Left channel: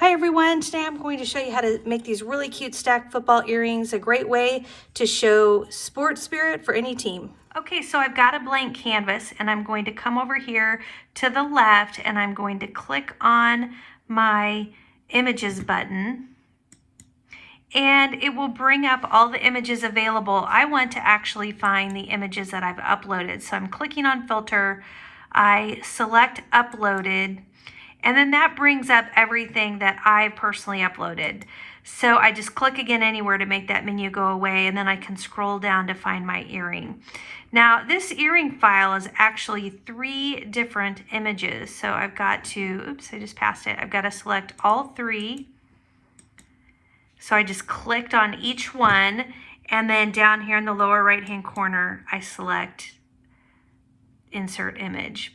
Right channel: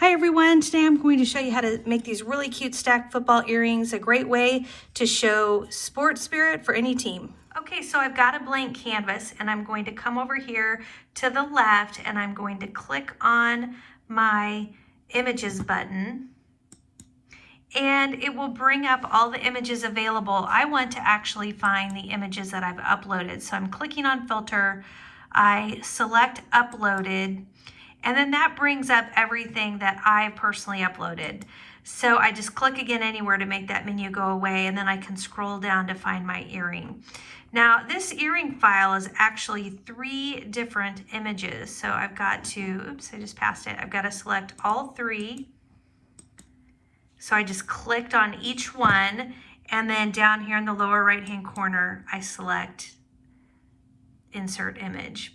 Hi everyone, today I'm going to show you how to make these really cute stacked football earrings, a great way to show sports spirit for any team. Okay, so I've got a blank canvas and I'm going to come over here to the left and I'm going to click on my images button and it will bring up all the images available. I want to actually find the images that I've uploaded. So I'm clicking on filter, I select uploaded, and then that brings up everything that I've personally uploaded. So I just click again anywhere to make that menu go away, and then I can scroll down to find my earring. Now this earring file is actually 3 different images. So I've got to, oops, I just passed it. I've got to select all 3. So I just clicked on each one, and then down here in the lower right hand corner, I select insert image.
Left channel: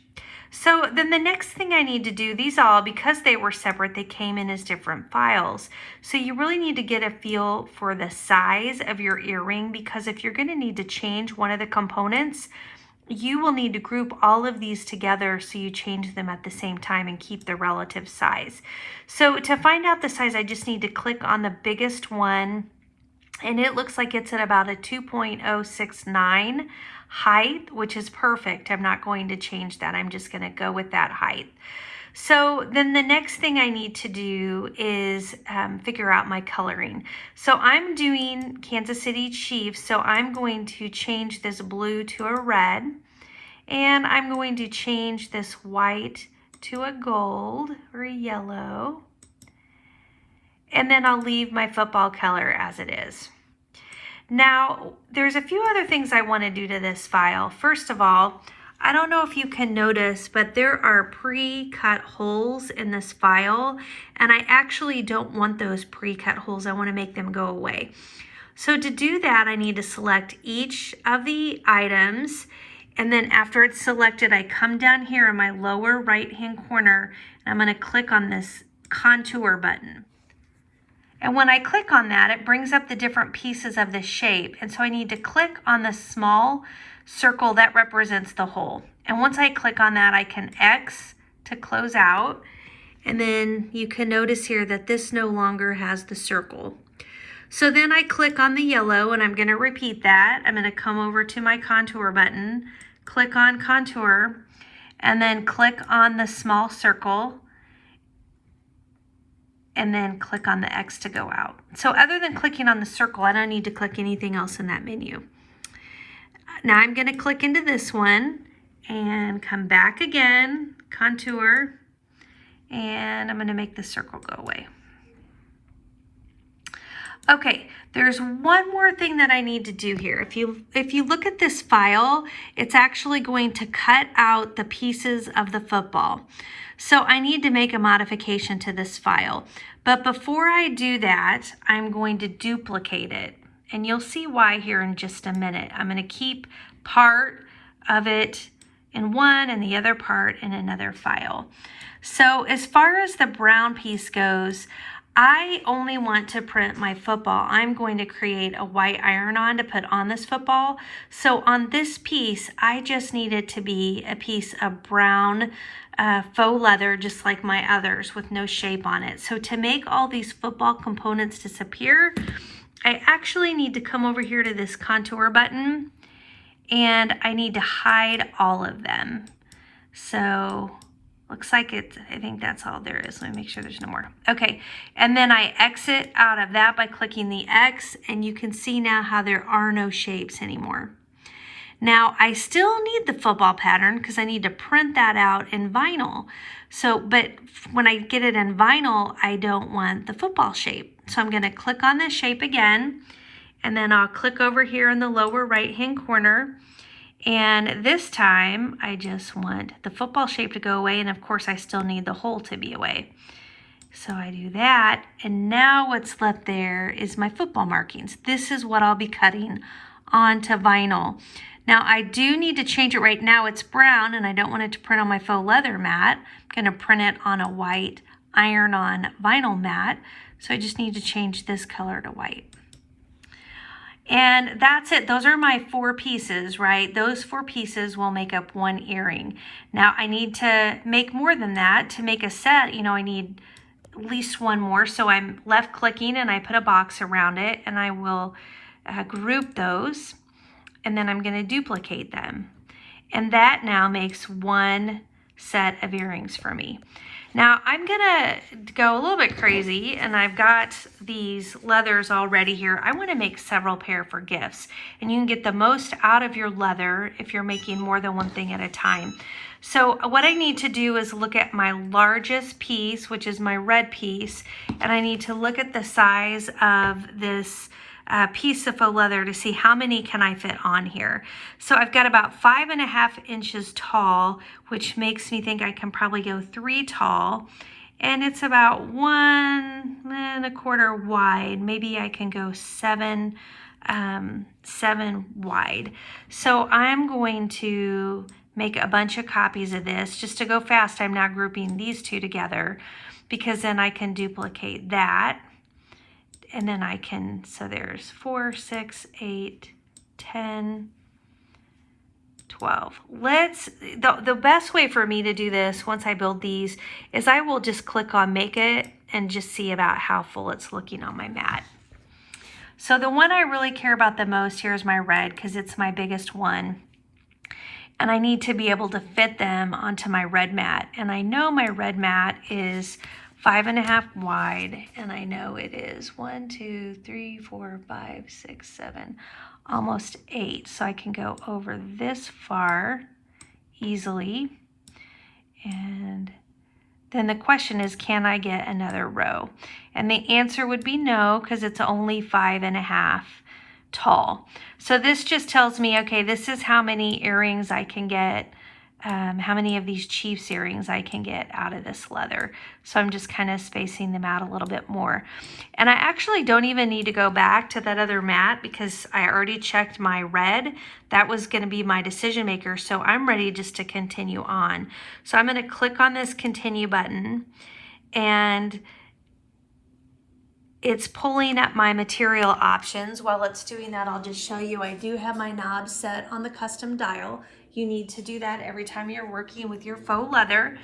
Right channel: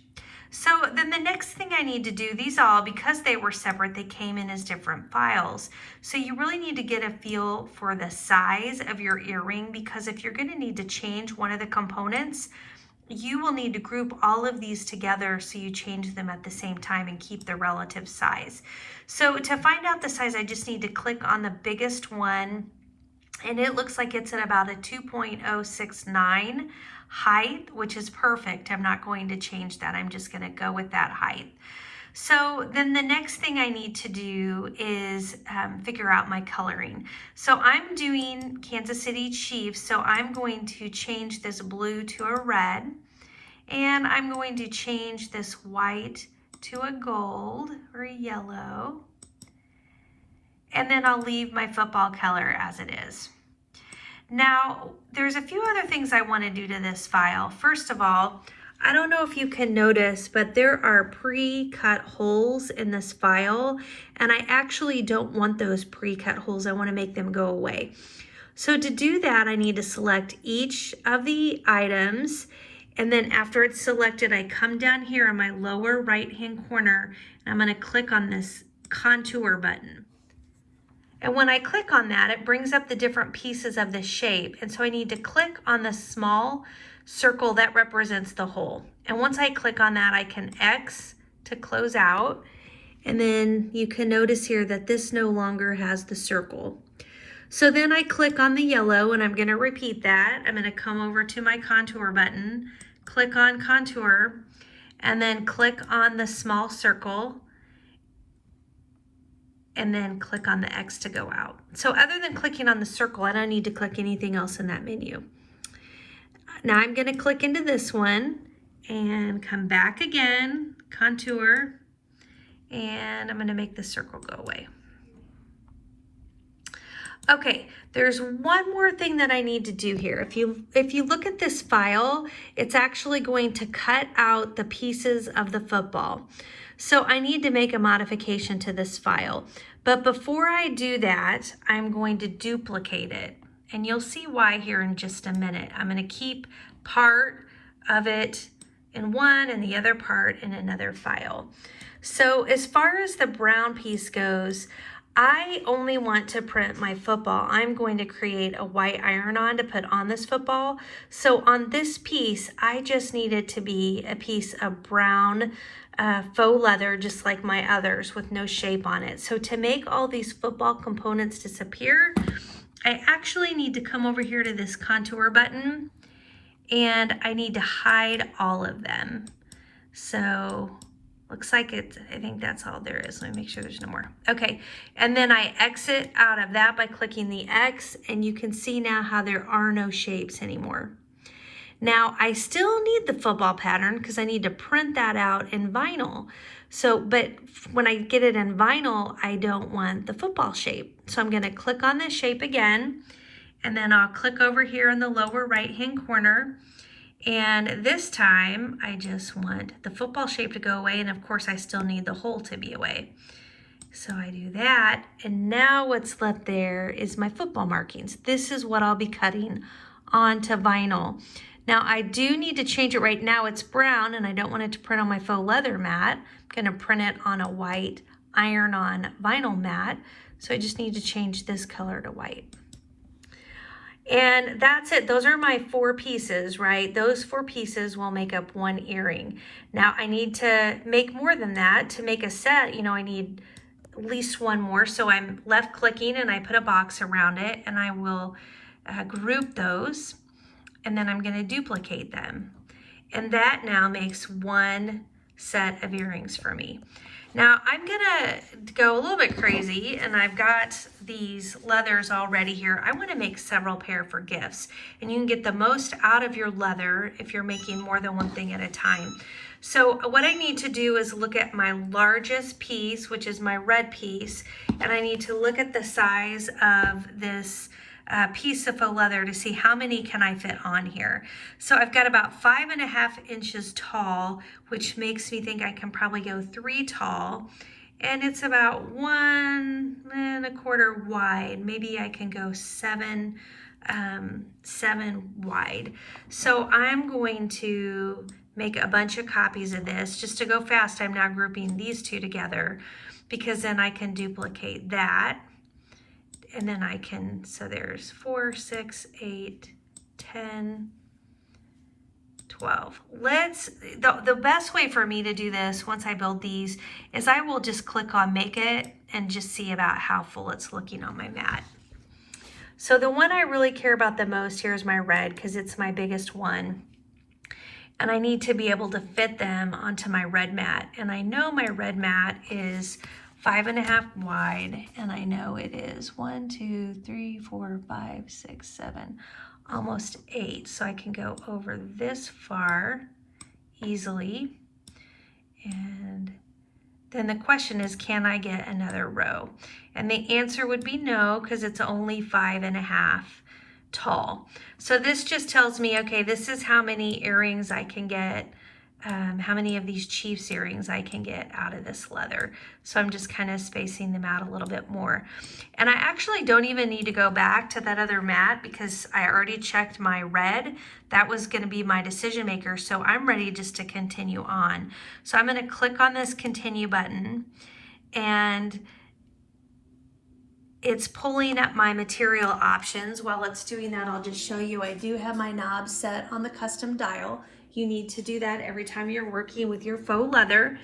So then the next thing I need to do, these all, because they were separate, they came in as different files. So you really need to get a feel for the size of your earring, because if you're going to need to change one of the components, you will need to group all of these together so you change them at the same time and keep the relative size. So to find out the size, I just need to click on the biggest one, and it looks like it's at about a 2.069 height, which is perfect. I'm not going to change that. I'm just going to go with that height. So then the next thing I need to do is figure out my coloring. So I'm doing Kansas City Chiefs, so I'm going to change this blue to a red, and I'm going to change this white to a gold or a yellow, and then I'll leave my football color as it is. Now, there's a few other things I want to do to this file. First of all, I don't know if you can notice, but there are pre-cut holes in this file, and I actually don't want those pre-cut holes. I want to make them go away. So to do that, I need to select each of the items, and then after it's selected, I come down here in my lower right-hand corner, and I'm going to click on this contour button. And when I click on that, it brings up the different pieces of the shape. And so I need to click on the small circle that represents the hole. And once I click on that, I can X to close out. And then you can notice here that this no longer has the circle. So then I click on the yellow, and I'm going to repeat that. I'm going to come over to my contour button, click on contour, and then click on the small circle, and then click on the X to go out. So other than clicking on the circle, I don't need to click anything else in that menu. Now I'm going to click into this one and come back again, contour, and I'm going to make the circle go away. Okay, there's one more thing that I need to do here. If you look at this file, it's actually going to cut out the pieces of the football. So I need to make a modification to this file. But before I do that, I'm going to duplicate it. And you'll see why here in just a minute. I'm going to keep part of it in one and the other part in another file. So as far as the brown piece goes, I only want to print my football. I'm going to create a white iron-on to put on this football. So on this piece, I just need it to be a piece of brown faux leather, just like my others, with no shape on it. So to make all these football components disappear, I actually need to come over here to this contour button, and I need to hide all of them. So looks like it's, I think that's all there is. Let me make sure there's no more. Okay, and then I exit out of that by clicking the X, and you can see now how there are no shapes anymore. Now, I still need the football pattern because I need to print that out in vinyl. So, but when I get it in vinyl, I don't want the football shape. So I'm going to click on this shape again, and then I'll click over here in the lower right-hand corner. And this time, I just want the football shape to go away, and of course, I still need the hole to be away. So I do that, and now what's left there is my football markings. This is what I'll be cutting onto vinyl. Now, I do need to change it right now. It's brown, and I don't want it to print on my faux leather mat. I'm going to print it on a white iron-on vinyl mat, so I just need to change this color to white. And that's it. Those are my 4 pieces, right? Those 4 pieces will make up one earring. Now I need to make more than that. To make a set, you know, I need at least one more. So I'm left clicking and I put a box around it, and I will group those, and then I'm going to duplicate them. And that now makes one set of earrings for me. Now I'm gonna go a little bit crazy, and I've got these leathers already here. I want to make several pair for gifts, and you can get the most out of your leather if you're making more than one thing at a time. So what I need to do is look at my largest piece, which is my red piece, and I need to look at the size of this piece of faux leather to see how many can I fit on here. So I've got about 5.5 inches tall, which makes me think I can probably go 3 tall, and it's about 1.25 wide. Maybe I can go 7 wide. So I'm going to make a bunch of copies of this. Just to go fast, I'm now grouping these two together, because then I can duplicate that. And then I can, so there's 4, 6, 8, 10, 12. The best way for me to do this once I build these is I will just click on make it and just see about how full it's looking on my mat. So the one I really care about the most here is my red, because it's my biggest one. And I need to be able to fit them onto my red mat. And I know my red mat is 5.5 wide, and I know it is 1, 2, 3, 4, 5, 6, 7, almost 8. So I can go over this far easily. And then the question is, can I get another row? And the answer would be no, because it's only 5.5 tall. So this just tells me, okay, this is how many earrings I can get, how many of these Chiefs earrings I can get out of this leather. So I'm just kind of spacing them out a little bit more. And I actually don't even need to go back to that other mat, because I already checked my red. That was going to be my decision maker. So I'm ready just to continue on. So I'm going to click on this continue button, and it's pulling up my material options. While it's doing that, I'll just show you I do have my knob set on the custom dial. You need to do that every time you're working with your faux leather.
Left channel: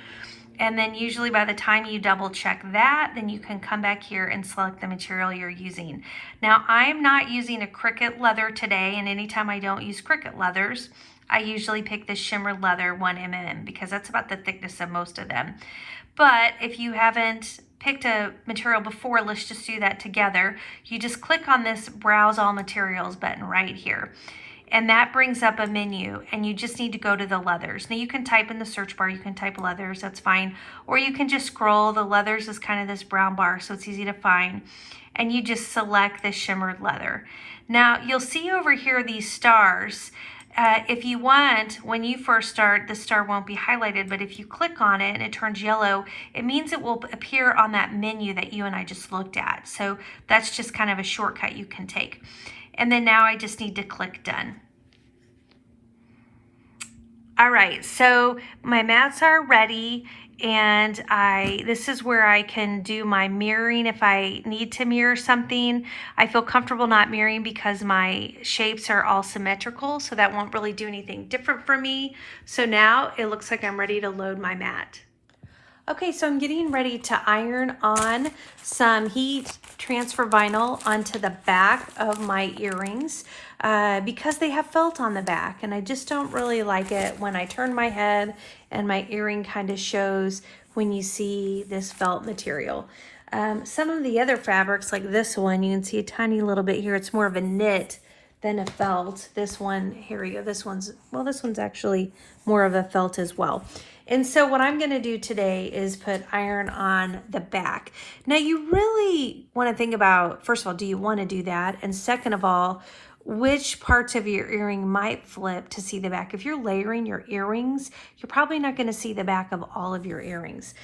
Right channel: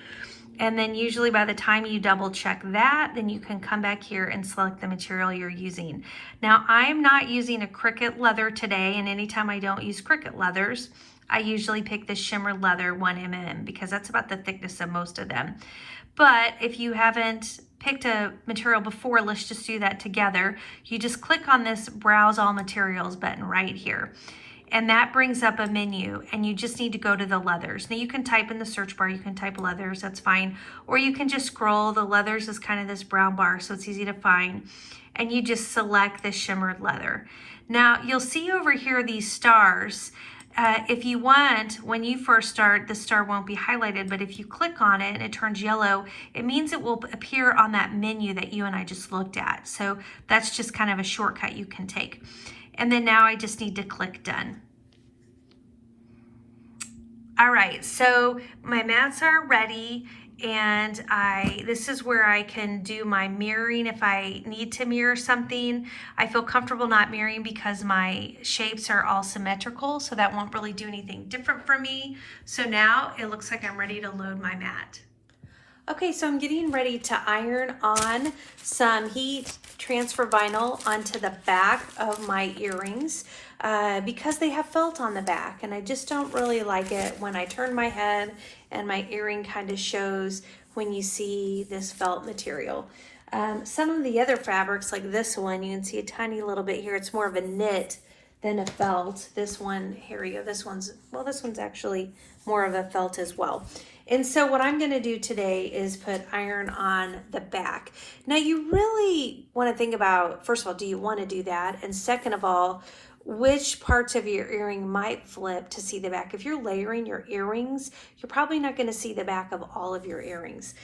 And then usually by the time you double check that, then you can come back here and select the material you're using. Now, I'm not using a Cricut leather today, and anytime I don't use Cricut leathers, I usually pick the shimmer leather 1mm, because that's about the thickness of most of them. But if you haven't picked a material before, let's just do that together. You just click on this Browse All Materials button right here. And that brings up a menu, and you just need to go to the leathers. Now you can type in the search bar, you can type leathers, that's fine. Or you can just scroll. The leathers is kind of this brown bar, so it's easy to find. And you just select the shimmered leather. Now you'll see over here these stars. If you want, when you first start, the star won't be highlighted, but if you click on it and it turns yellow, it means it will appear on that menu that you and I just looked at. So that's just kind of a shortcut you can take. And then now I just need to click done. All right, so my mats are ready, and this is where I can do my mirroring if I need to mirror something. I feel comfortable not mirroring because my shapes are all symmetrical, so that won't really do anything different for me. So now it looks like I'm ready to load my mat. Okay, so I'm getting ready to iron on some heat transfer vinyl onto the back of my earrings because they have felt on the back, and I just don't really like it when I turn my head and my earring kind of shows when you see this felt material. Some of the other fabrics, like this one, you can see a tiny little bit here. It's more of a knit than a felt. This one, here we go. This one's actually more of a felt as well. And so what I'm going to do today is put iron on the back. Now you really want to think about, first of all, do you want to do that? And second of all, which parts of your earring might flip to see the back? If you're layering your earrings, you're probably not going to see the back of all of your earrings.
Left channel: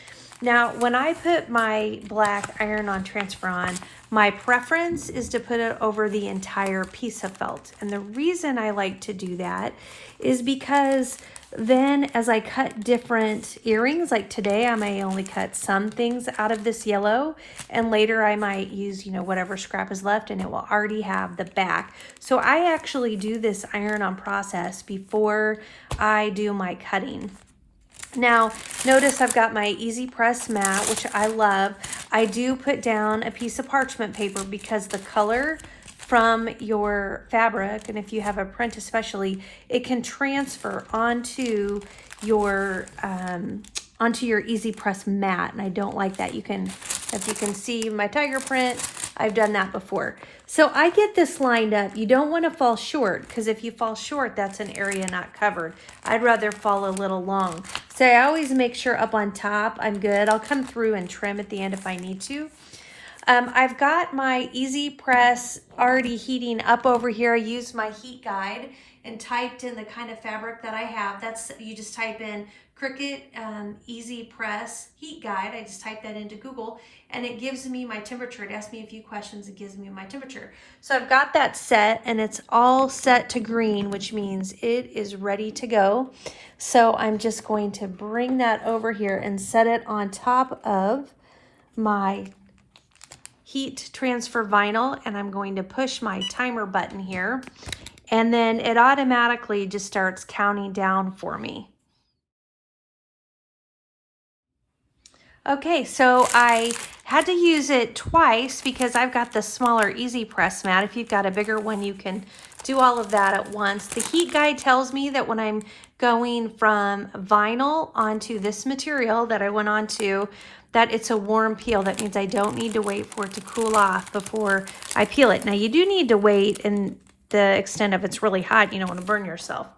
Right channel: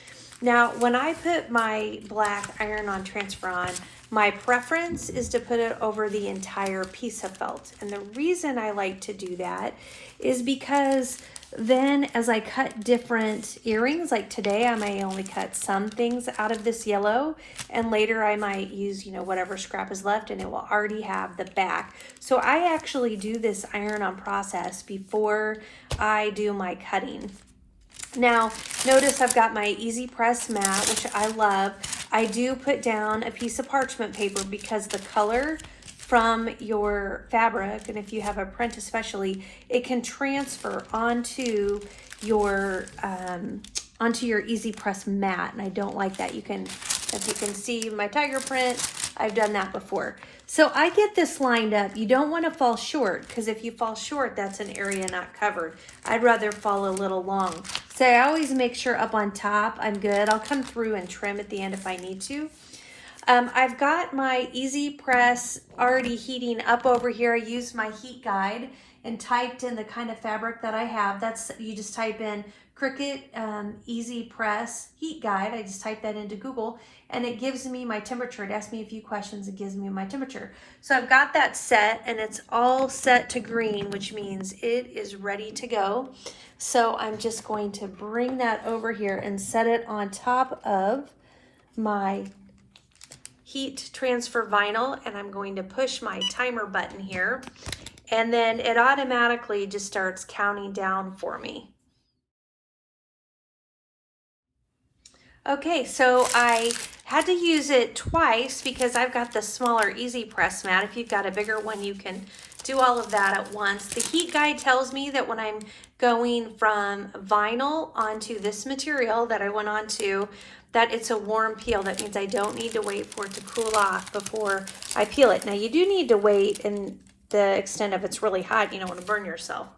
Now, when I put my black iron-on transfer on, my preference is to put it over the entire piece of felt. And the reason I like to do that is because then as I cut different earrings, like today I may only cut some things out of this yellow, and later I might use, whatever scrap is left, and it will already have the back. So I actually do this iron-on process before I do my cutting. Now, notice I've got my Easy Press mat, which I love. I do put down a piece of parchment paper because the color from your fabric, and if you have a print especially, it can transfer onto your easy press mat, and I don't like that. You can, as you can see, my tiger print, I've done that before. So I get this lined up. You don't want to fall short, because if you fall short, that's an area not covered. I'd rather fall a little long. So I always make sure up on top I'm good. I'll come through and trim at the end if I need to. I've got my easy press already heating up over here. I used my heat guide and typed in the kind of fabric that I have. That's, you just type in Cricut easy press heat guide. I just typed that into Google and it gives me my temperature. It asks me a few questions. It gives me my temperature. So I've got that set and it's all set to green, which means it is ready to go. So I'm just going to bring that over here and set it on top of my heat transfer vinyl, and I'm going to push my timer button here, and then it automatically just starts counting down for me. Okay, so I had to use it twice because I've got the smaller easy press mat. If you've got a bigger one, you can do all of that at once. The heat guide tells me that when I'm going from vinyl onto this material that I went onto, that it's a warm peel. That means I don't need to wait for it to cool off before I peel it. Now you do need to wait in the extent of it's really hot, you don't want to burn yourself.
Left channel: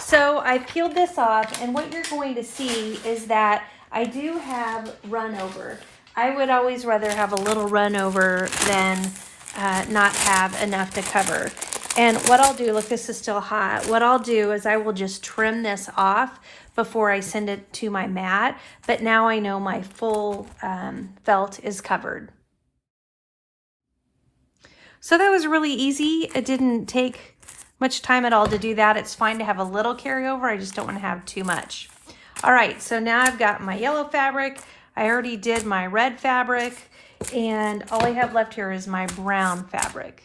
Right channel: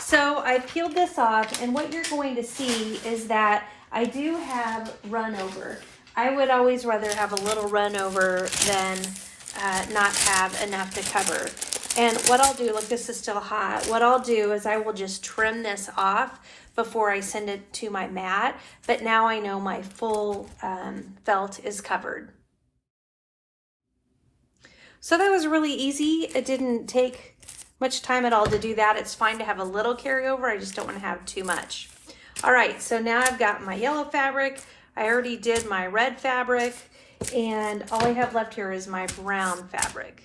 So I peeled this off, and what you're going to see is that I do have run over. I would always rather have a little run over than not have enough to cover. And what I'll do, look, this is still hot. What I'll do is I will just trim this off before I send it to my mat, but now I know my full felt is covered. So that was really easy. It didn't take much time at all to do that. It's fine to have a little carryover. I just don't want to have too much. All right, so now I've got my yellow fabric. I already did my red fabric, and all I have left here is my brown fabric.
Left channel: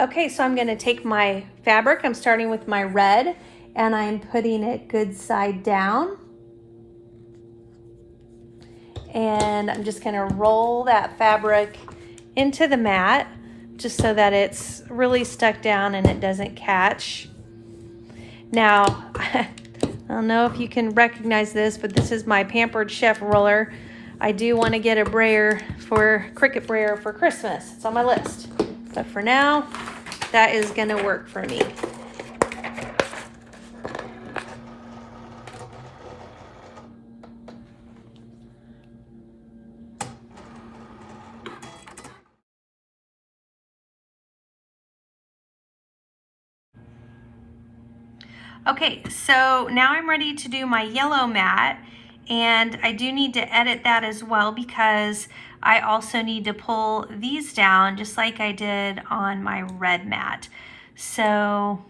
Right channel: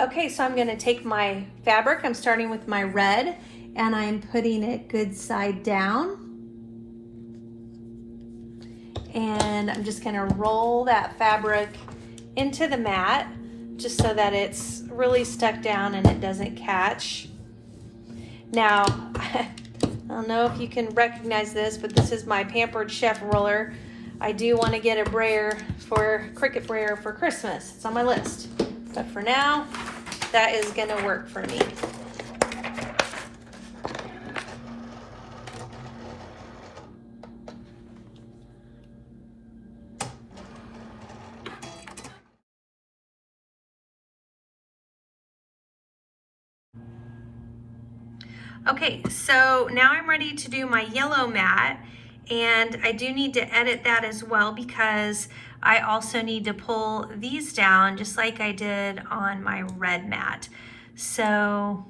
Okay, so I'm gonna take my fabric. I'm starting with my red, and I'm putting it good side down. And I'm just gonna roll that fabric into the mat just so that it's really stuck down and it doesn't catch. Now, I don't know if you can recognize this, but this is my Pampered Chef roller. I do want to get a brayer for Cricut brayer for Christmas. It's on my list. But for now, that is going to work for me. Okay, so now I'm ready to do my yellow mat, and I do need to edit that as well because I also need to pull these down just like I did on my red mat. So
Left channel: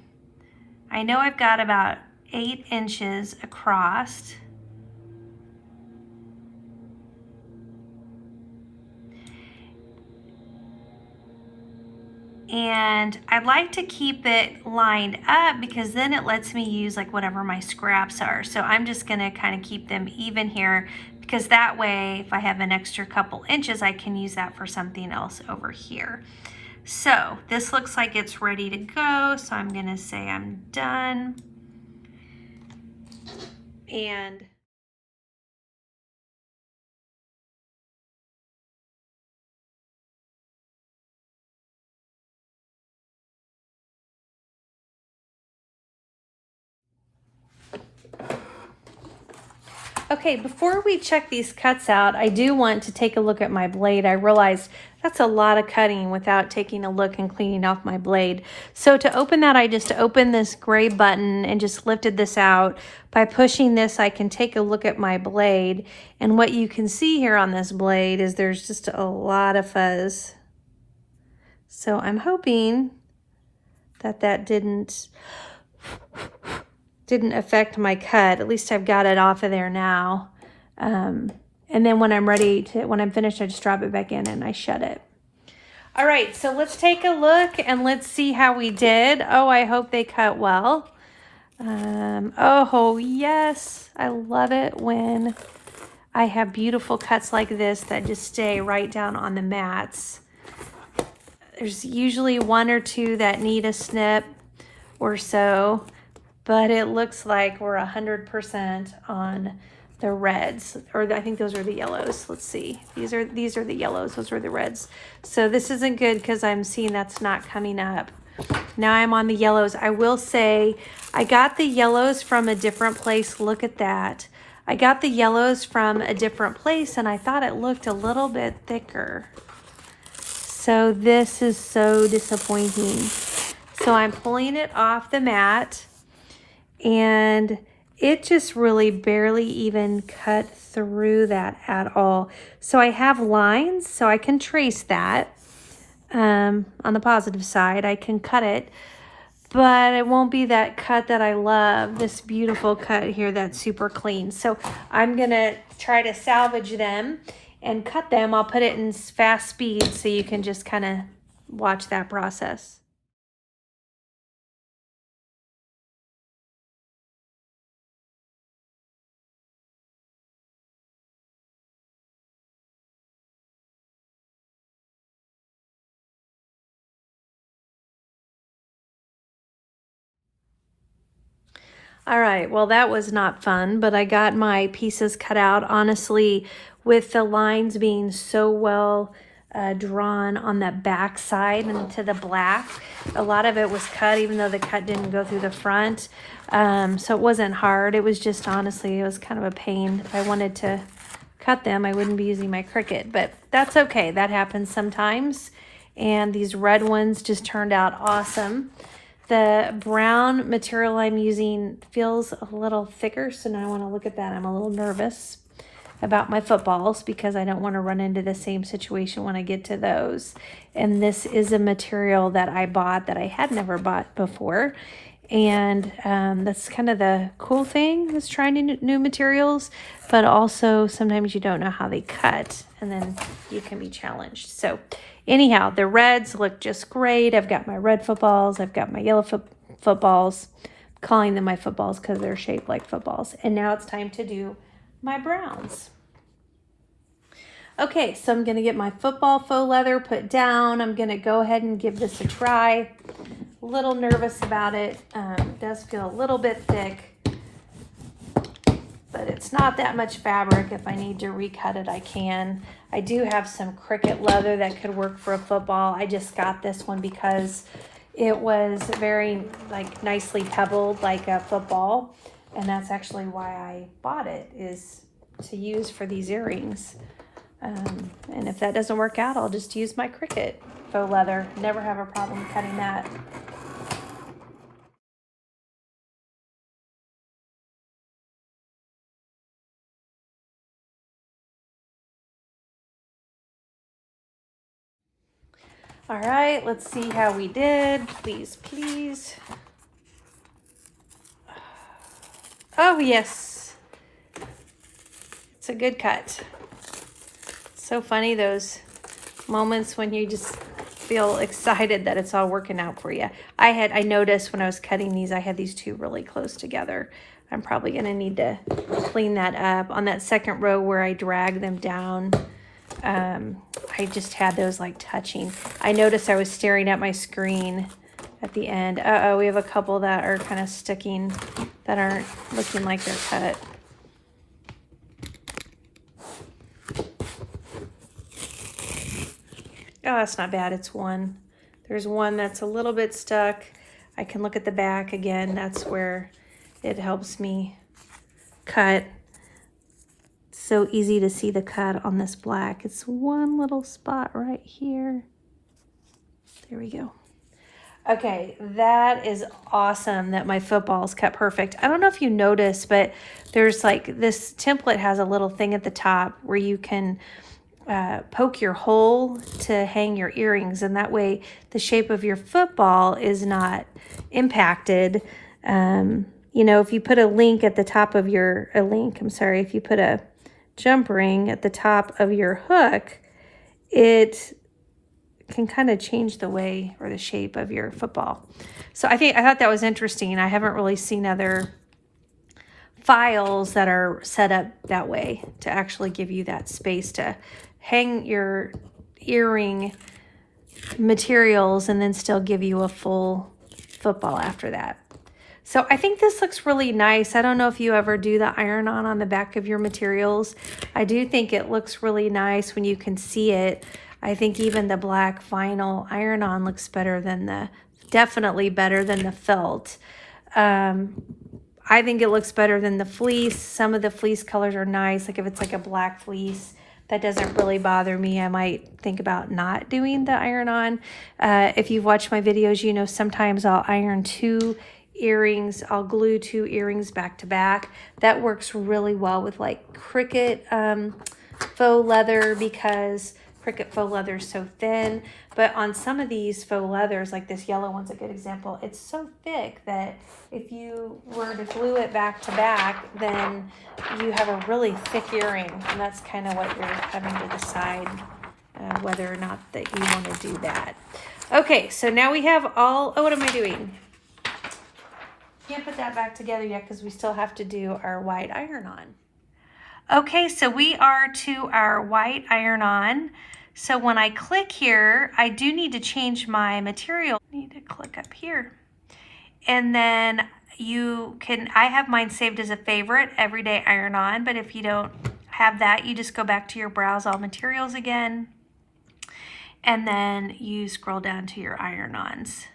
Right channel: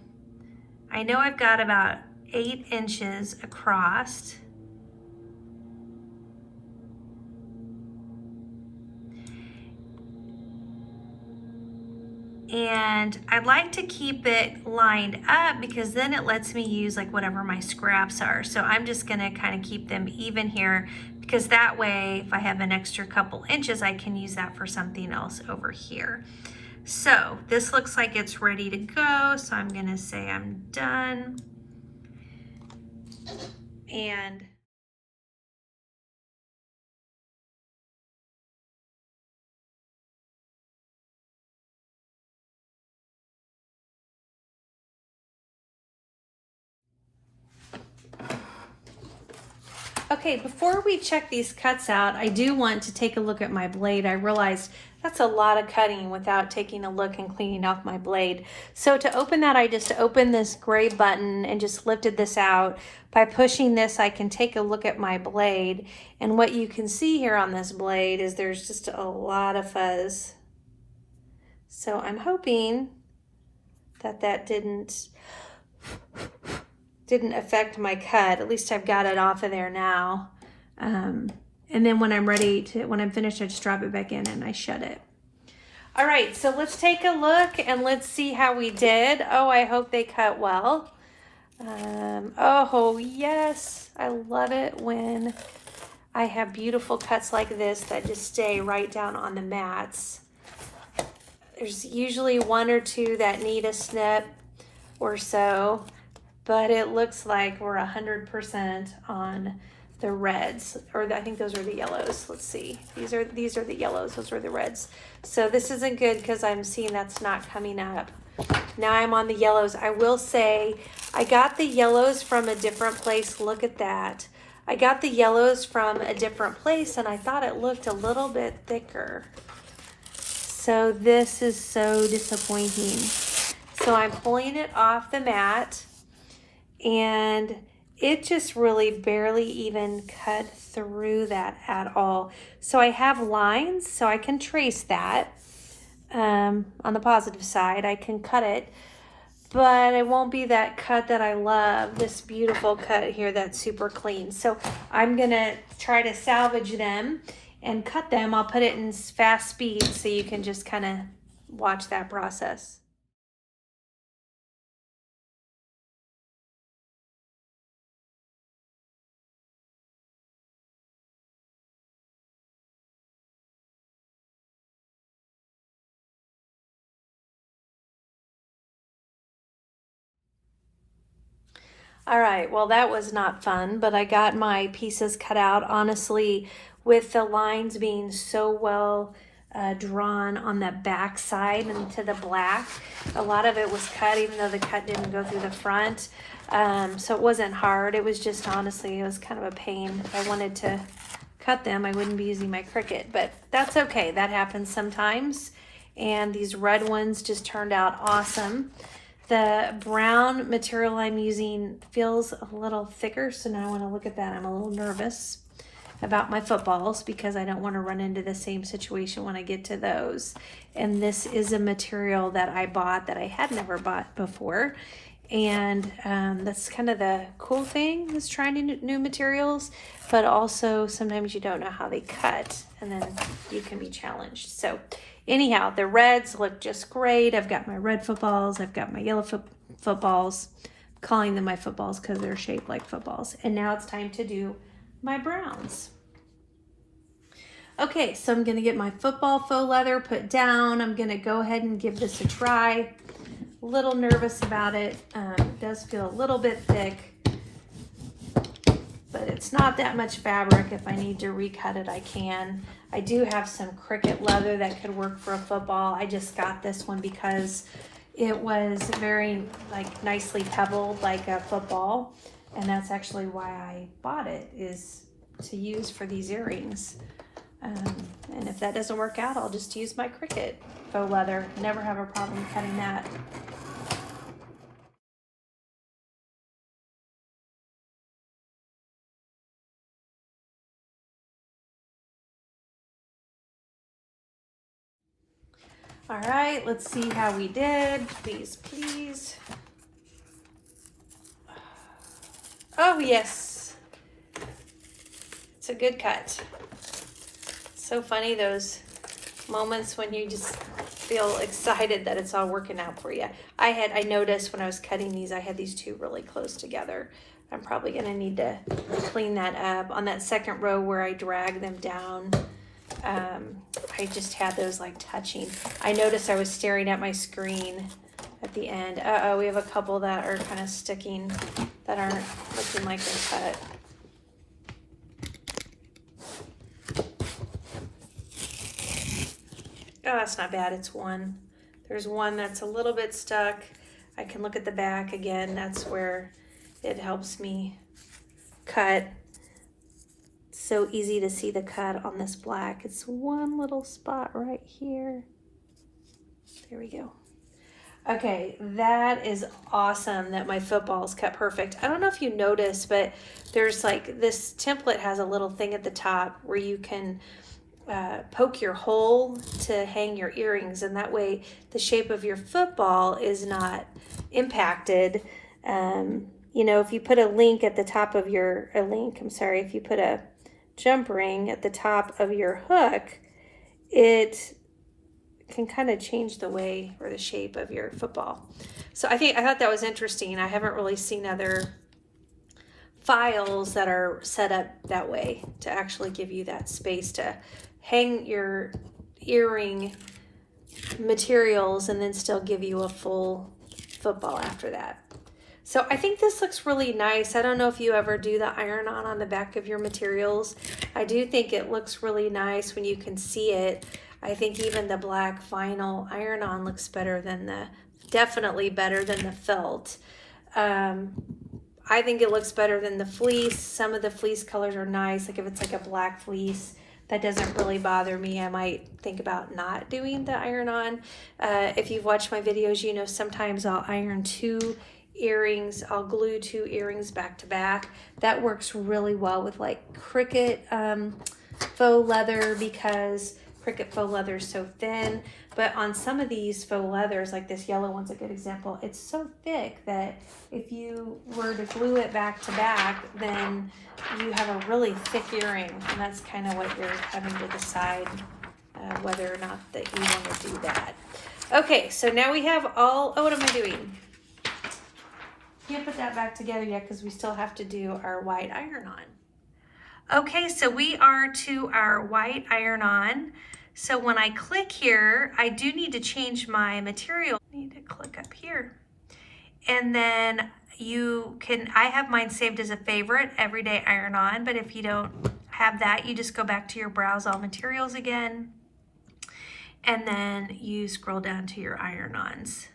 I know I've got about 8 inches across. And I'd like to keep it lined up because then it lets me use like whatever my scraps are. So I'm just gonna kind of keep them even here because that way if I have an extra couple inches, I can use that for something else over here. So this looks like it's ready to go. So I'm gonna say I'm done. And okay, before we check these cuts out, I do want to take a look at my blade. I realized that's a lot of cutting without taking a look and cleaning off my blade. So to open that, I just opened this gray button and just lifted this out. By pushing this, I can take a look at my blade. And what you can see here on this blade is there's just a lot of fuzz. So I'm hoping that that didn't affect my cut. At least I've got it off of there now. And then when I'm finished, I just drop it back in and I shut it. All right, so let's take a look and let's see how we did. Oh, I hope they cut well. Oh, yes, I love it when I have beautiful cuts like this that just stay right down on the mats. There's usually one or two that need a snip or so, but it looks like we're 100% on the reds, or I think those are the yellows. Let's see. These are the yellows. Those are the reds. So this isn't good because I'm seeing that's not coming up. Now I'm on the yellows. I will say I got the yellows from a different place. Look at that. I got the yellows from a different place and I thought it looked a little bit thicker. So this is so disappointing. So I'm pulling it off the mat and it just really barely even cut through that at all. So I have lines, so I can trace that. On the positive side, I can cut it, but it won't be that cut that I love, this beautiful cut here that's super clean. So I'm gonna try to salvage them and cut them. I'll put it in fast speed so you can just kind of watch that process. All right, well that was not fun, but I got my pieces cut out. Honestly, with the lines being so well drawn on the back side into the black, a lot of it was cut even though the cut didn't go through the front. So it wasn't hard, it was just honestly, it was kind of a pain. If I wanted to cut them, I wouldn't be using my Cricut, but that's okay, that happens sometimes. And these red ones just turned out awesome. The brown material I'm using feels a little thicker, so now I want to look at that. I'm a little nervous about my footballs because I don't want to run into the same situation when I get to those. And this is a material that I bought that I had never bought before. And that's kind of the cool thing is trying new materials, but also sometimes you don't know how they cut and then you can be challenged. So anyhow, the reds look just great. I've got my red footballs. I've got my yellow footballs. I'm calling them my footballs because they're shaped like footballs. And now it's time to do my browns. Okay, so I'm gonna get my football faux leather put down. I'm gonna go ahead and give this a try. A little nervous about it. It does feel a little bit thick, but it's not that much fabric. If I need to recut it, I can. I do have some Cricut leather that could work for a football. I just got this one because it was very nicely pebbled like a football, and that's actually why I bought it, is to use for these earrings. And if that doesn't work out, I'll just use my Cricut faux leather. Never have a problem cutting that. All right, let's see how we did. Please, please. Oh, yes. It's a good cut. So funny, those moments when you just feel excited that it's all working out for you. I noticed when I was cutting these, I had these two really close together. I'm probably gonna need to clean that up. On that second row where I dragged them down, I just had those like touching. I noticed I was staring at my screen at the end. Uh-oh, we have a couple that are kind of sticking, that aren't looking like they're cut. Oh, that's not bad, it's one. There's one that's a little bit stuck. I can look at the back again. That's where it helps me cut. So easy to see the cut on this black. It's one little spot right here. There we go. Okay, that is awesome that my football's cut perfect. I don't know if you noticed, but there's like, this template has a little thing at the top where you can poke your hole to hang your earrings, and that way the shape of your football is not impacted. You know, if you put a link at the top of your, if you put a jump ring at the top of your hook, it can kind of change the way or the shape of your football. So I thought that was interesting. I haven't really seen other files that are set up that way to actually give you that space to hang your earring materials and then still give you a full football after that. So I think this looks really nice. I don't know if you ever do the iron-on the back of your materials. I do think it looks really nice when you can see it. I think even the black vinyl iron-on looks better than definitely better than the felt. I think it looks better than the fleece. Some of the fleece colors are nice. Like if it's like a black fleece, that doesn't really bother me. I might think about not doing the iron-on. If you've watched my videos, you know sometimes I'll iron 2 earrings. I'll glue 2 earrings back to back. That works really well with like Cricut faux leather, because Cricut faux leather is so thin. But on some of these faux leathers, like this yellow one's a good example, it's so thick that if you were to glue it back to back, then you have a really thick earring, and that's kind of what you're having to decide whether or not that you want to do that. Okay, so now we have all, oh, what am I doing? Can't put that back together yet because we still have to do our white iron-on. Okay, so we are to our white iron-on. So when I click here, I do need to change my material. I need to click up here. And then you can, I have mine saved as a favorite, everyday iron-on, but if you don't have that, you just go back to your browse all materials again, and then you scroll down to your iron-ons.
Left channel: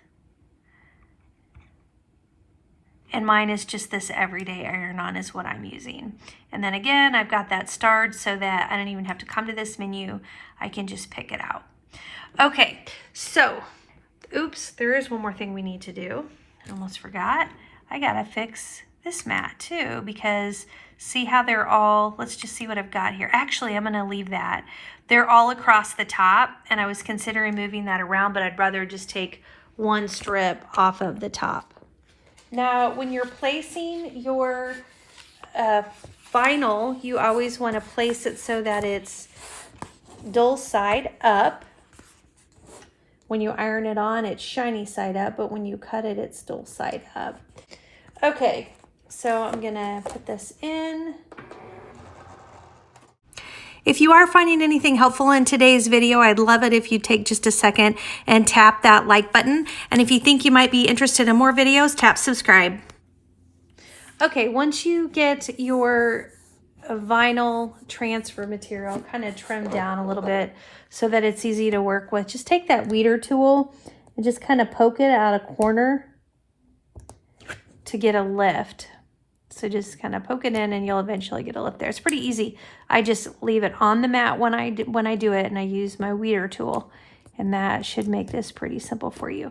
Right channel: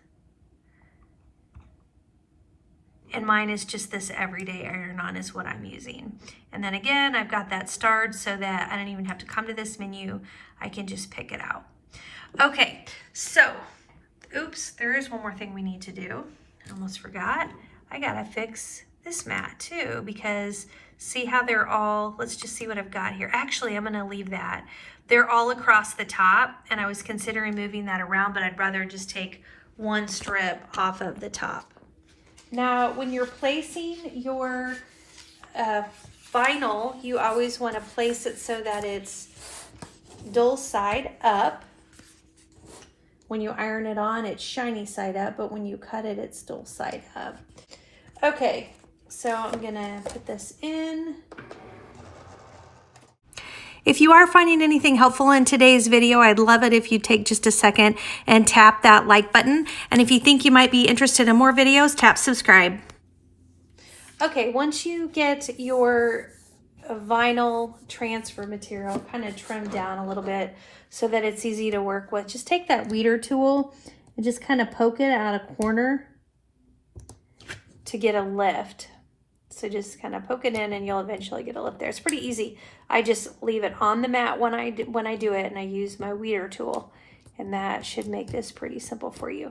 And mine is just this everyday iron-on is what I'm using. And then again, I've got that starred so that I don't even have to come to this menu. I can just pick it out. Okay, so, oops, there is one more thing we need to do. I almost forgot. I gotta fix this mat too, because see how they're all, let's just see what I've got here. Actually, I'm gonna leave that. They're all across the top, and I was considering moving that around, but I'd rather just take one strip off of the top. Now, when you're placing your vinyl, you always want to place it so that it's dull side up. When you iron it on, it's shiny side up, but when you cut it, it's dull side up. Okay, so I'm gonna put this in. If you are finding anything helpful in today's video, I'd love it if you take just a second and tap that like button. And if you think you might be interested in more videos, tap subscribe. Okay, once you get your vinyl transfer material kind of trimmed down a little bit so that it's easy to work with, just take that weeder tool and just kind of poke it out a corner to get a lift. So just kind of poke it in and you'll eventually get a lift there. It's pretty easy. I just leave it on the mat when I do it, and I use my weeder tool, and that should make this pretty simple for you.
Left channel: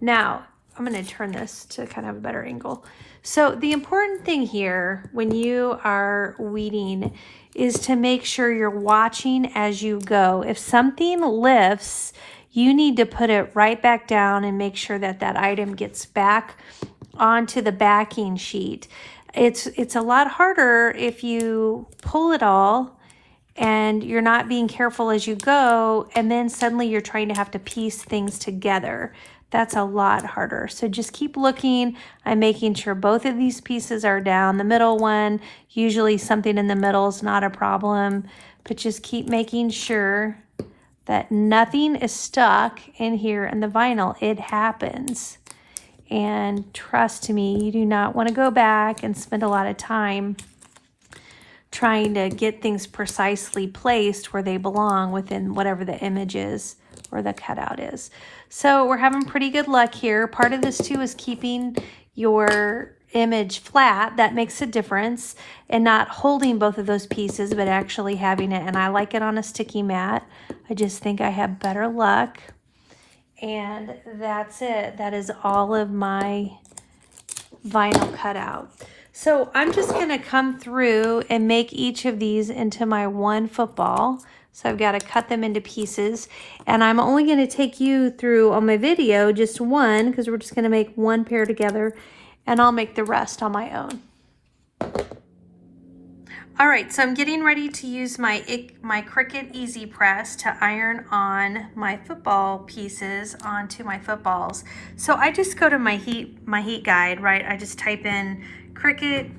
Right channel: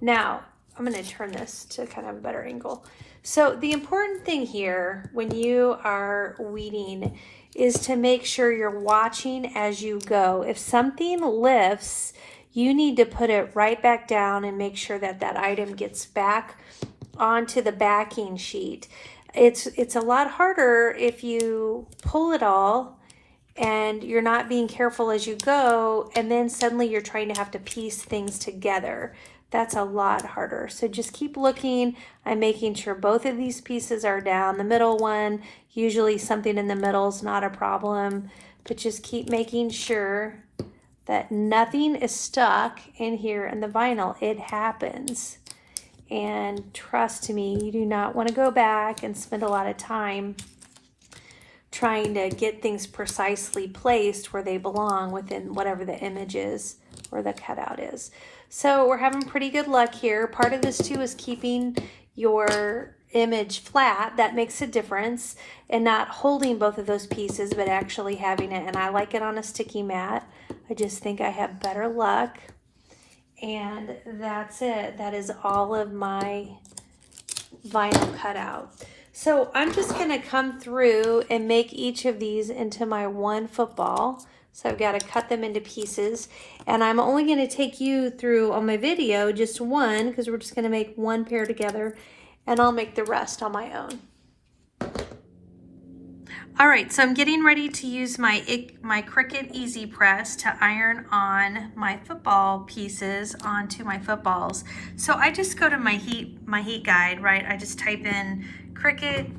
Now, I'm going to turn this to kind of a better angle. So the important thing here when you are weeding is to make sure you're watching as you go. If something lifts, you need to put it right back down and make sure that that item gets back onto the backing sheet. It's a lot harder if you pull it all and you're not being careful as you go, and then suddenly you're trying to have to piece things together. That's a lot harder. So just keep looking. I'm making sure both of these pieces are down. The middle one, usually something in the middle is not a problem, but just keep making sure that nothing is stuck in here in the vinyl. It happens. And trust me, you do not want to go back and spend a lot of time trying to get things precisely placed where they belong within whatever the image is or the cutout is. So we're having pretty good luck here. Part of this too is keeping your image flat. That makes a difference, and not holding both of those pieces, but actually having it. And I like it on a sticky mat. I just think I have better luck. And that's it. That is all of my vinyl cutout. So I'm just gonna come through and make each of these into my one football. So I've got to cut them into pieces, and I'm only going to take you through on my video just one, because we're just going to make one pair together, and I'll make the rest on my own. All right, so I'm getting ready to use my Cricut Easy Press to iron on my football pieces onto my footballs. So I just go to my heat guide, right? I just type in Cricut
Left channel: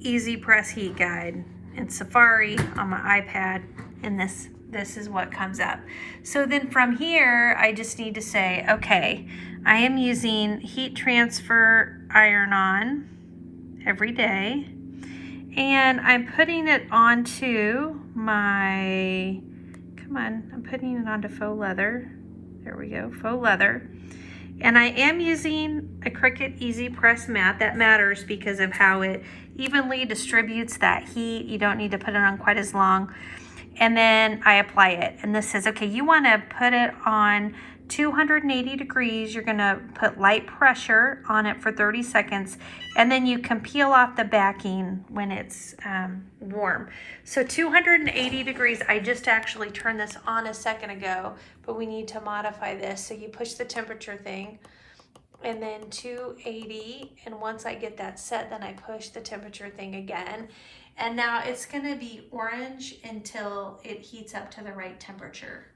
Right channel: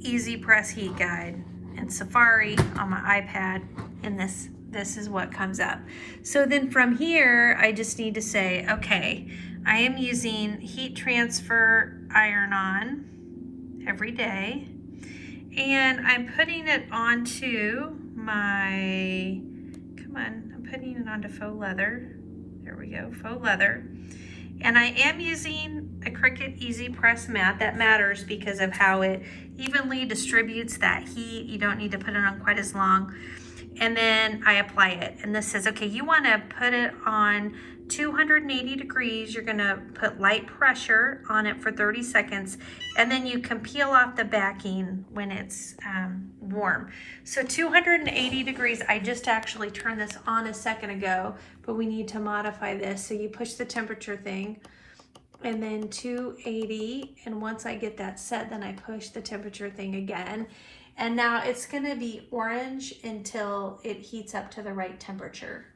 Easy Press Heat Guide in Safari on my iPad, and this is what comes up. So then from here, I just need to say, okay, I am using heat transfer iron-on every day, and I'm putting it onto my, come on, I'm putting it onto faux leather. There we go, faux leather. And I am using a Cricut Easy Press mat. That matters because of how it evenly distributes that heat. You don't need to put it on quite as long. And then I apply it. And this says, okay, you wanna put it on 280 degrees. You're gonna put light pressure on it for 30 seconds. And then you can peel off the backing when it's warm. So 280 degrees, I just actually turned this on a second ago, but we need to modify this. So you push the temperature thing and then 280. And once I get that set, then I push the temperature thing again. And now it's gonna be orange until it heats up to the right temperature.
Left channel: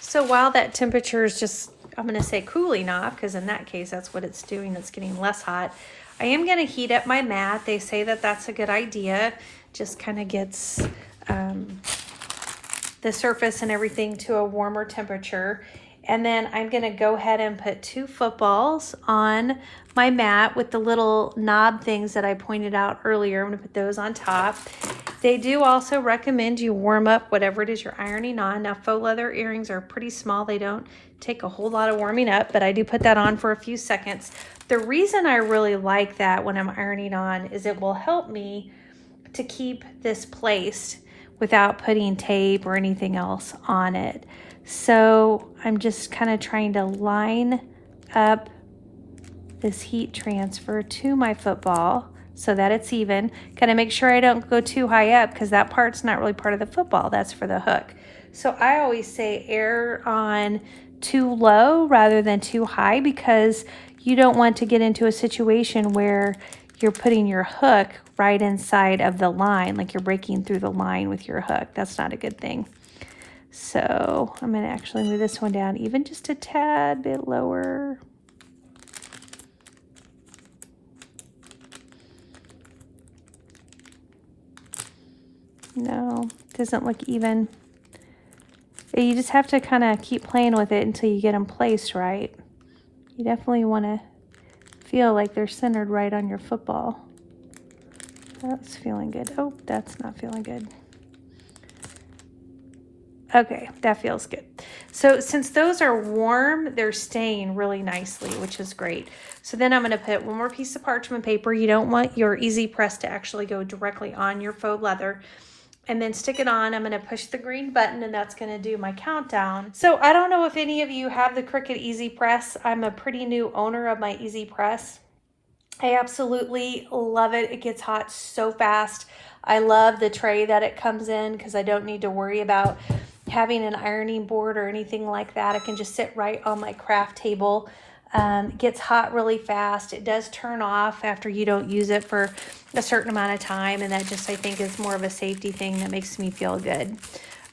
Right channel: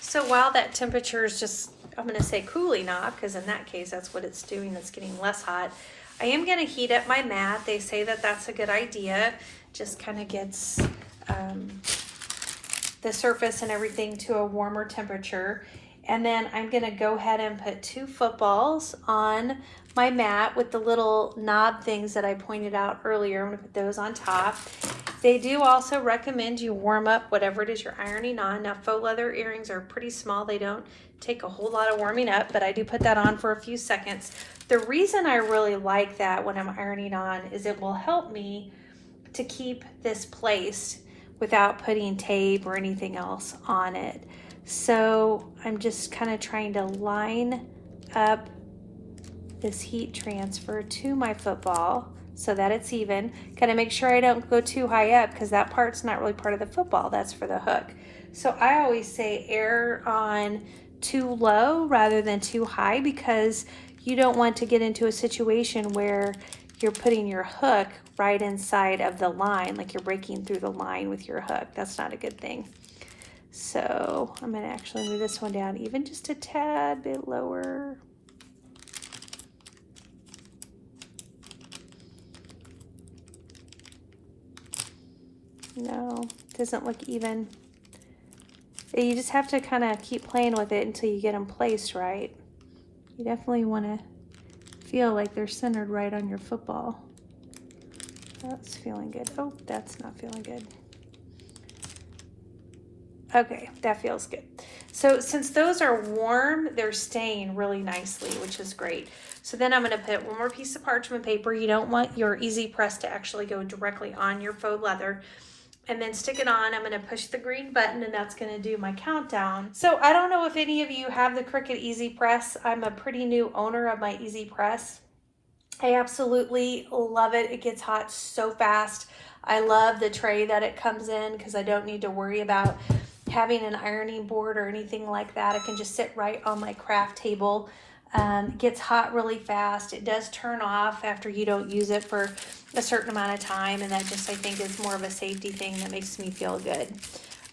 So while that temperature is just, I'm gonna say cooling off, because in that case, that's what it's doing, it's getting less hot. I am gonna heat up my mat. They say that that's a good idea. Just kind of gets the surface and everything to a warmer temperature. And then I'm gonna go ahead and put 2 footballs on my mat with the little knob things that I pointed out earlier. I'm gonna put those on top. They do also recommend you warm up whatever it is you're ironing on. Now, faux leather earrings are pretty small. They don't take a whole lot of warming up, but I do put that on for a few seconds. The reason I really like that when I'm ironing on is it will help me to keep this placed without putting tape or anything else on it. So I'm just kind of trying to line up this heat transfer to my football so that it's even. Kind of make sure I don't go too high up because that part's not really part of the football, that's for the hook. So I always say err on too low rather than too high, because you don't want to get into a situation where you're putting your hook right inside of the line, like you're breaking through the line with your hook. That's not a good thing. So I'm gonna actually move this one down even just a tad bit lower. No, doesn't look even. You just have to kind of keep playing with it until you get them placed right. You definitely want to feel like they're centered right on your football. That's feeling good. Oh, that's not feeling good. Okay, that feels good. So since those are warm, they're staying really nicely, which is great. So then I'm gonna put one more piece of parchment paper. You don't want your Easy Press to actually go directly on your faux leather. And then stick it on. I'm gonna push the green button, and that's gonna do my countdown. So I don't know if any of you have the Cricut Easy Press. I'm a pretty new owner of my Easy Press. I absolutely love it. It gets hot so fast. I love the tray that it comes in because I don't need to worry about having an ironing board or anything like that. I can just sit right on my craft table. It gets hot really fast. It does turn off after you don't use it for a certain amount of time, and that just, I think, is more of a safety thing that makes me feel good.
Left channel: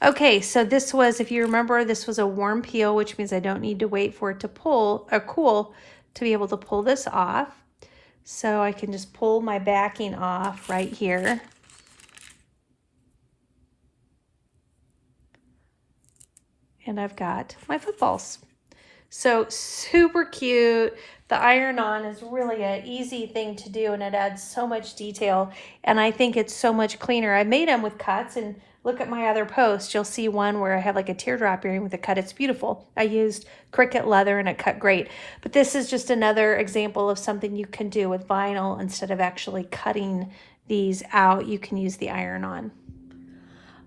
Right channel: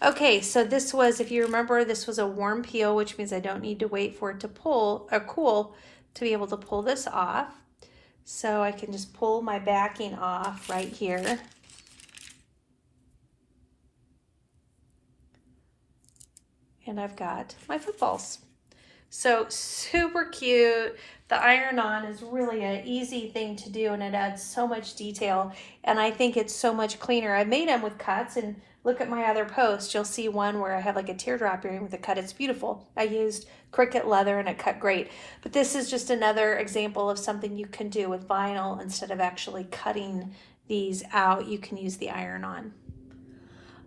Okay, so this was, if you remember, this was a warm peel, which means I don't need to wait for it to pull or cool to be able to pull this off. So I can just pull my backing off right here. And I've got my footballs. So super cute. The iron-on is really an easy thing to do, and it adds so much detail, and I think it's so much cleaner. I made them with cuts, and look at my other post. You'll see one where I have like a teardrop earring with a cut. It's beautiful. I used Cricut leather and it cut great. But this is just another example of something you can do with vinyl. Instead of actually cutting these out, you can use the iron-on.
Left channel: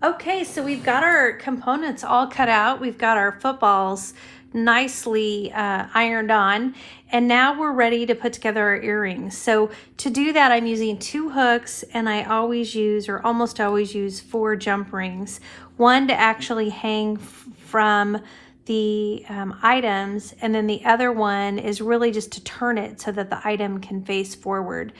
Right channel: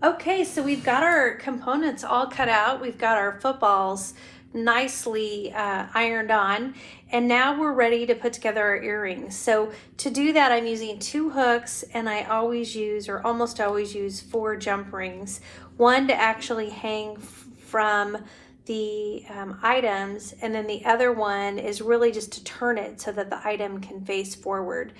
Okay, so we've got our components all cut out. We've got our footballs nicely ironed on, and now we're ready to put together our earrings. So to do that, I'm using 2 hooks, and I always use, or almost always use, 4 jump rings. One to actually hang from the items, and then the other one is really just to turn it so that the item can face forward.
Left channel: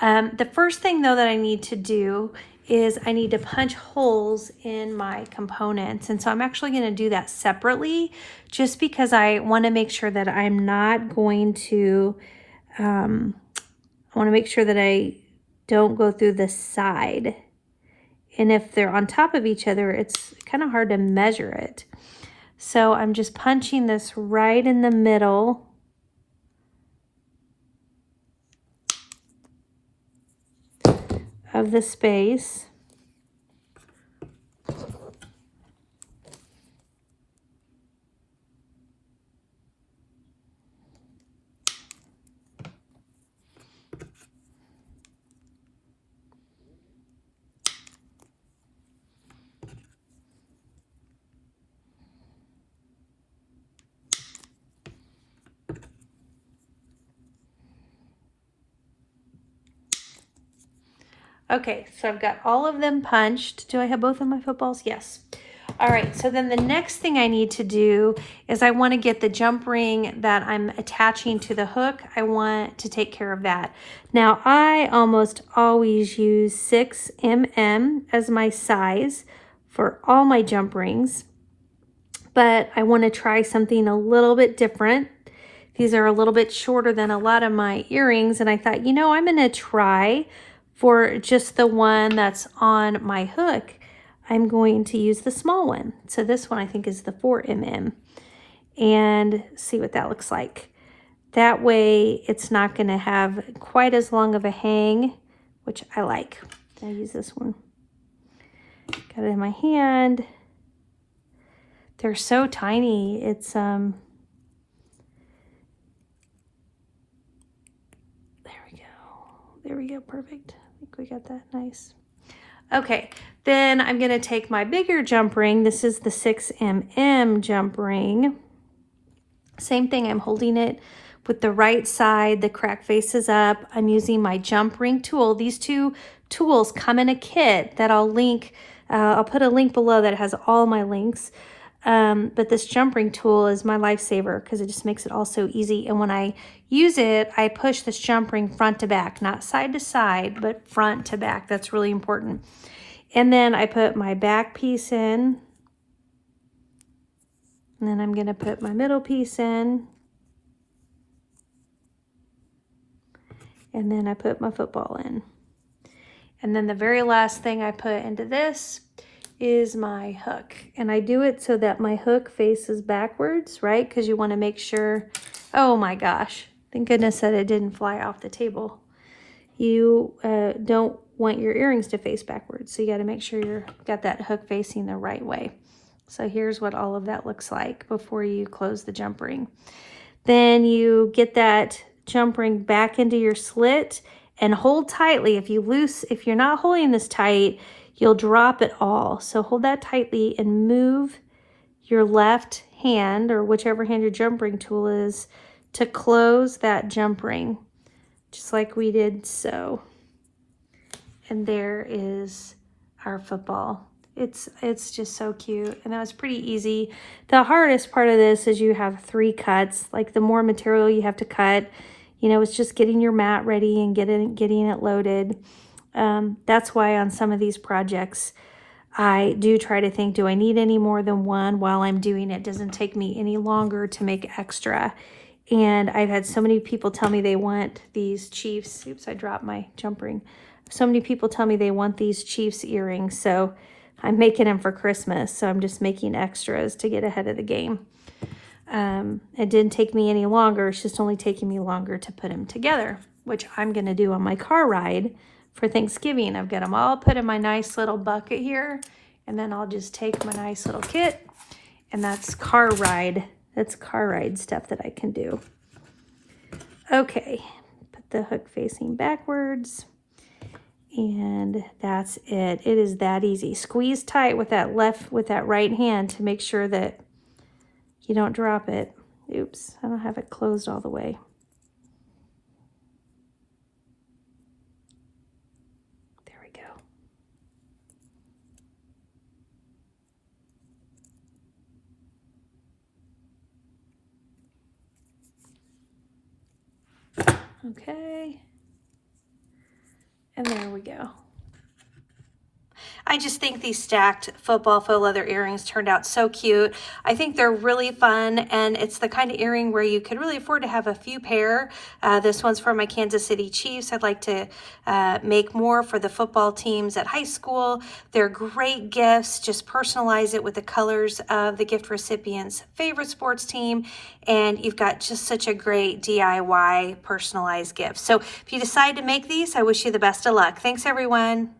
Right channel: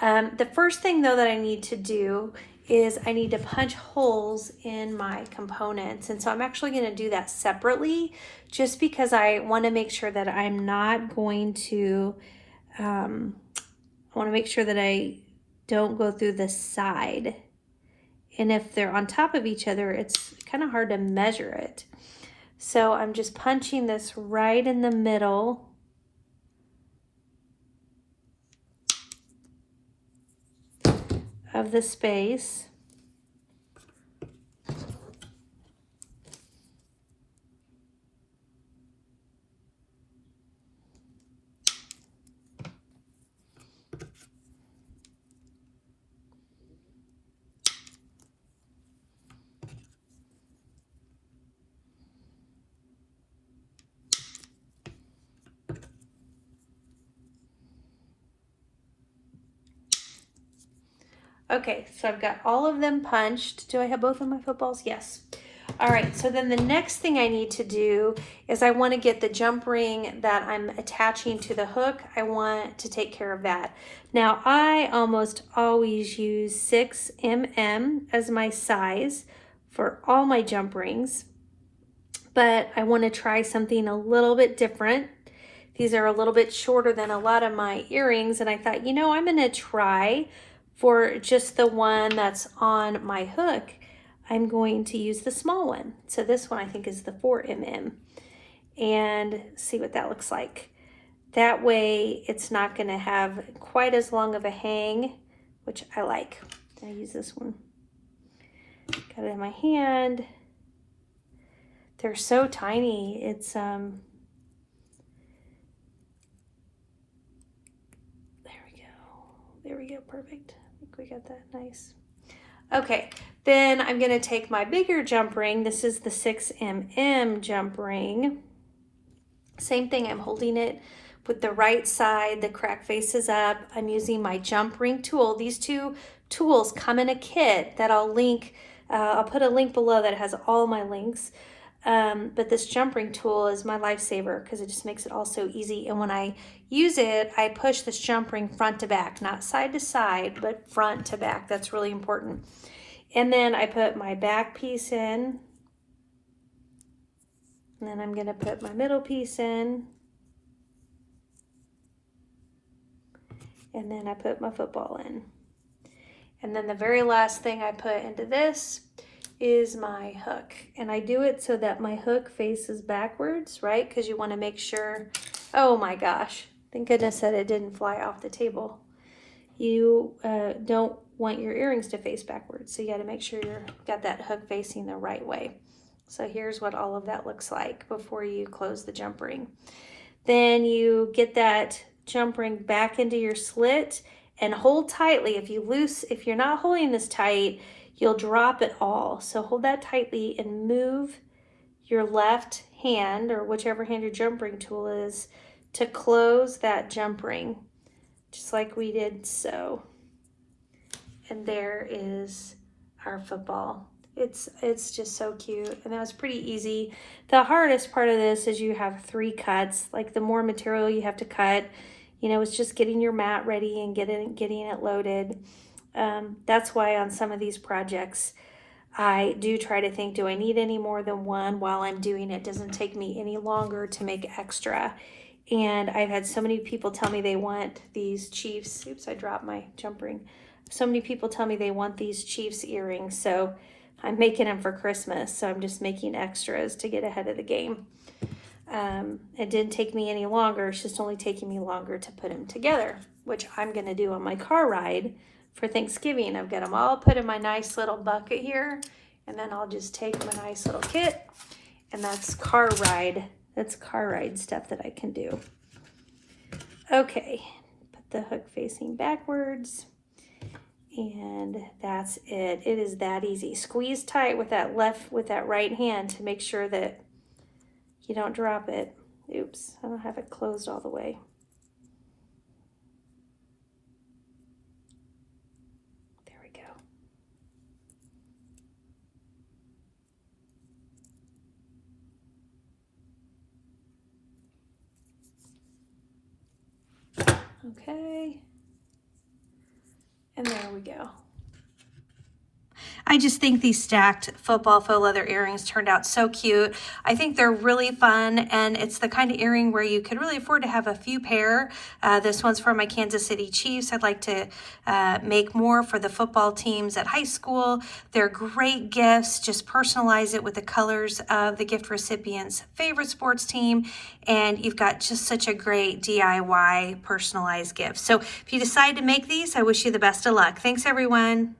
The first thing though that I need to do is I need to punch holes in my components, and so I'm actually going to do that separately just because I want to make sure that I'm not going to I want to make sure that I don't go through the side. And if they're on top of each other, it's kind of hard to measure it. So I'm just punching this right in the middle. Of the space. Okay, so I've got all of them punched. Do I have both of my footballs? Yes. All right, so then the next thing I need to do is I want to get the jump ring that I'm attaching to the hook. I want to take care of that. Now, I almost always use 6 mm as my size for all my jump rings, but I want to try something a little bit different. These are a little bit shorter than a lot of my earrings, and I thought, you know, I'm going to try for just the one that's on my hook. I'm going to use the small one. So this one I think is the 4 mm, and see what that looks like. That way it's not going to have quite as long of a hang, which I like. I use this one. Got it in my hand. They're so tiny. It's there we go, perfect. I think we got that nice. Okay, then I'm gonna take my bigger jump ring. This is the 6 mm jump ring. Same thing, I'm holding it with the right side, the crack face is up. I'm using my jump ring tool. These two tools come in a kit that I'll link. I'll put a link below that has all my links. But this jump ring tool is my lifesaver because it just makes it all so easy. And when I use it, I push this jump ring front to back, not side to side, but front to back. That's really important. And then I put my back piece in. And then I'm gonna put my middle piece in. And then I put my football in. And then the very last thing I put into this is my hook. And I do it so that my hook faces backwards, right? Because you want to make sure, oh my gosh, thank goodness that it didn't fly off the table. You don't want your earrings to face backwards. So you got to make sure you've got that hook facing the right way. So here's what all of that looks like before you close the jump ring. Then you get that jump ring back into your slit and hold tightly. If you're not holding this tight, you'll drop it all. So hold that tightly and move your left hand, or whichever hand your jump ring tool is, to close that jump ring, just like we did so. And there is our football. It's just so cute, and that was pretty easy. The hardest part of this is you have 3 cuts. Like the more material you have to cut, you know, it's just getting your mat ready and getting it loaded. That's why on some of these projects, I do try to think, do I need any more than one while I'm doing it? Doesn't take me any longer to make extra. And I've had so many people tell me they want these Chiefs. Oops, I dropped my jump ring. So many people tell me they want these Chiefs earrings. So I'm making them for Christmas. So I'm just making extras to get ahead of the game. It didn't take me any longer. It's just only taking me longer to put them together, which I'm going to do on my car ride for Thanksgiving. I've got them all put in my nice little bucket here, and then I'll just take my nice little kit, and that's car ride. That's car ride stuff that I can do. Okay, put the hook facing backwards, and that's it. It is that easy. Squeeze tight with that right hand to make sure that you don't drop it. Oops, I don't have it closed all the way. There we go. Okay. And there we go. I just think these stacked football faux leather earrings turned out so cute. I think they're really fun, and it's the kind of earring where you could really afford to have a few pair. This one's for my Kansas City Chiefs. I'd like to make more for the football teams at high school. They're great gifts. Just personalize it with the colors of the gift recipient's favorite sports team, and you've got just such a great DIY personalized gift. So if you decide to make these, I wish you the best of luck. Thanks, everyone.